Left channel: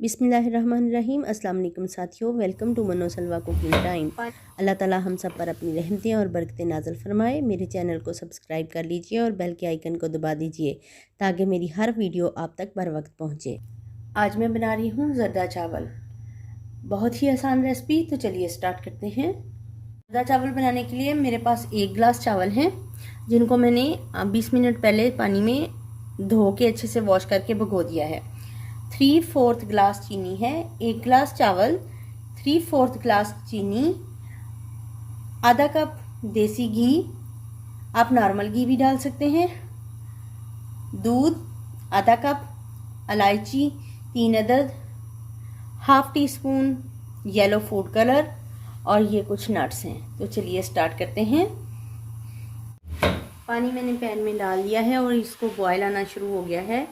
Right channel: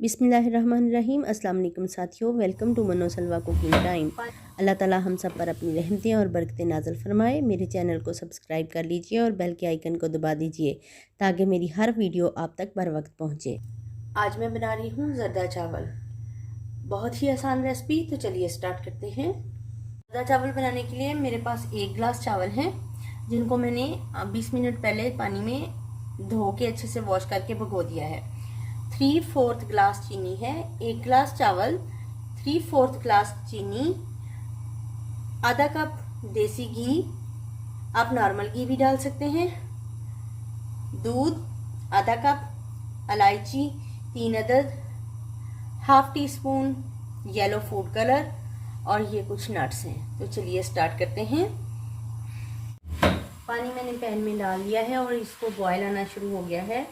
बिस्मिल्लाहिर्रहमानिर्रहीम। अस्सलाम वालेकुम साथियों, वेलकम टू मनो सलवा कुकिंग टाइम। अल्लाह ताला हम सब पर अपनी रहमतें और बरकतें नाज़िल फरमाए। मेरे चैनल को सब्सक्राइब कर लीजिए और बेल के आइकन को दबा दीजिए ताकि मेरी हर वीडियो आप तक बर वक्त पहुँचे। आज मैं बना रही हूँ ज़र्दा चावल। बहुत ही आसान रेसिपी, तो चलिए स्टार्ट करते हैं। ज़र्दा चावल बनाने के लिए मेरे पास 1 गिलास चावल हैं, जिनको मैंने 20 मिनट पहले पानी में धो के अच्छे से वॉश करके भिगो दिया है। 3/4 गिलास चीनी है, 1 गिलास चावल, 3/4 गिलास चीनी, आधा कप देसी घी, आप नॉर्मल घी भी डाल सकते हैं, दूध आधा कप, इलायची 3 अदद, half tea spoon yellow food colour और ये कुछ नट्स हैं। तो चलिए स्टार्ट करते हैं। पानी मैंने पैन में डाल लिया है और इसको बॉयल आना शुरू हो गया है।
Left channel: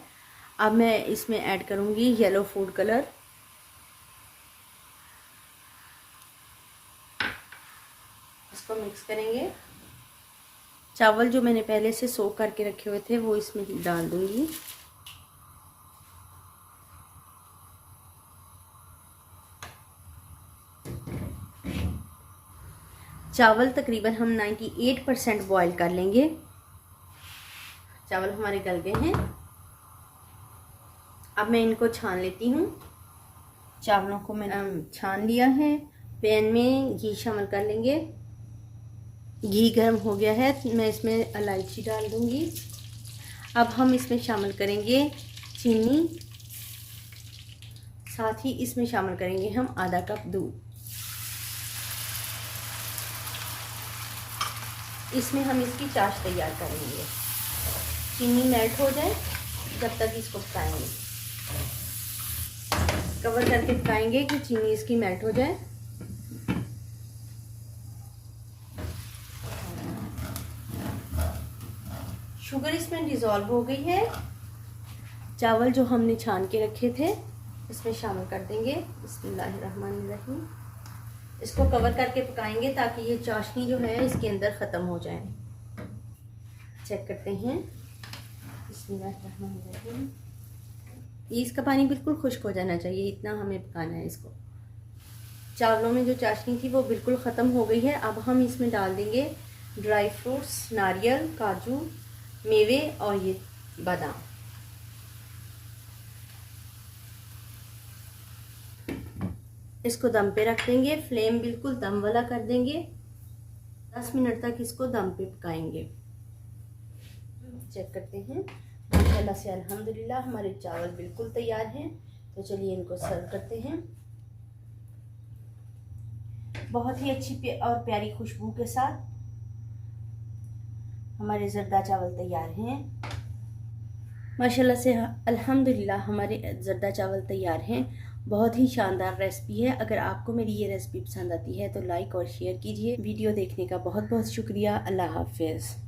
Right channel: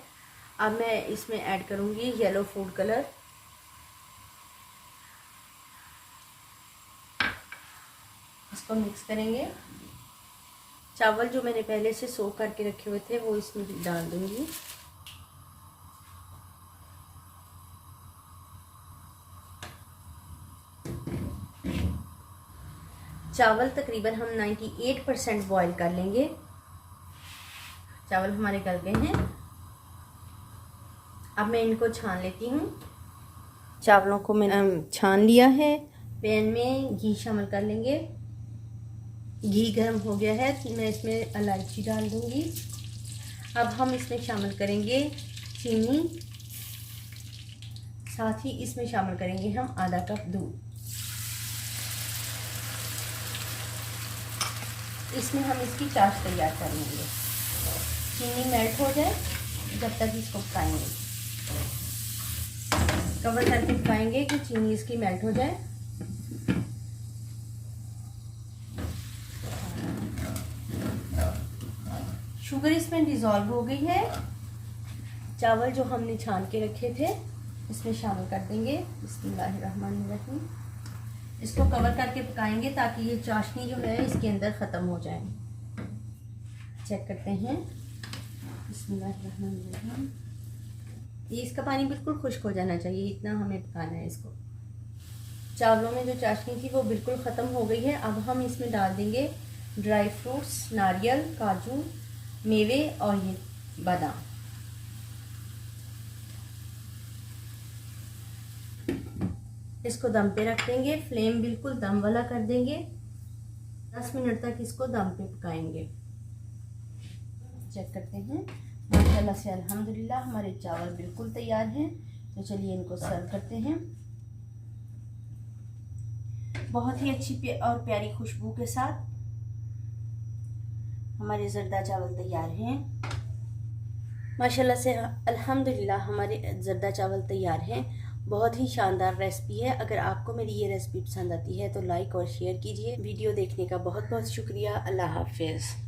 अब मैं इसमें ऐड करूंगी येलो फूड कलर। इसको मिक्स करेंगे। चावल जो मैंने पहले से सोक करके रखे हुए थे वो इसमें डाल दूंगी। चावल तकरीबन हम 98% बॉयल कर लेंगे। चावल हमारे गल गए हैं। अब मैं इनको छान लेती हूँ। चावलों को मैंने छान लिया है। पैन में घी शामिल कर लेंगे। घी गर्म हो गया है, मैं इसमें इलायची डाल दूंगी। अब हम इसमें शामिल करेंगे चीनी, साथ ही इसमें शामिल करेंगे हम आधा कप दूध। इसमें हम इसकी चाश तैयार करेंगे। चीनी मेल्ट हो जाए जब तक इसको पकाएंगे। कवर करके पकाएंगे कि चीनी इसकी मेल्ट हो जाए। शुगर इसमें डिज़ोल्व हो गई है। चावल जो हमने छान के रखे थे इसमें शामिल कर देंगे। बिस्मिल्लाहिर्रहमानिर्रहीम। इसको कवर करके पकाएंगे ताकि ये चाशनी जो है इसके अंदर ख़त्म हो जाए। चेक करते हैं। बिस्मिल्लाहिर्रहमानिर्रहीम। इसका पानी बिल्कुल खुश्क हो जाना चाहिए, इतना हमें पकाना है इसको। चावलों में जो चाशनी थी वो बिल्कुल ख़त्म हो गई है। अब हम इसमें डाल देंगे ड्राई फ्रूट्स, नारियल, काजू, मेवे और ये बादाम। इसको दम पे रख देंगे। फ्लेम बिल्कुल दम वाला कर देंगे। 10 मिनट तक इसको दम पे पकाएंगे। चेक करते हैं। माशाल्लाह से अल्हम्दुलिल्लाह हमारे चावल बिल्कुल तैयार हैं। तो चलिए इनको सर्व करते हैं। बहुत ही अच्छी और प्यारी खुशबू के साथ हमारे ज़र्दा चावल तैयार हैं। माशाल्लाह से अल्हम्दुलिल्लाह हमारे ज़र्दा चावल तैयार हैं। बहुत ही शानदार रेसिपी है। अगर आपको मेरी ये रेसिपी पसंद आती है तो लाइक और शेयर कीजिए। वीडियो देखने का बहुत बहुत शुक्रिया। अल्लाह हाफ़िज़।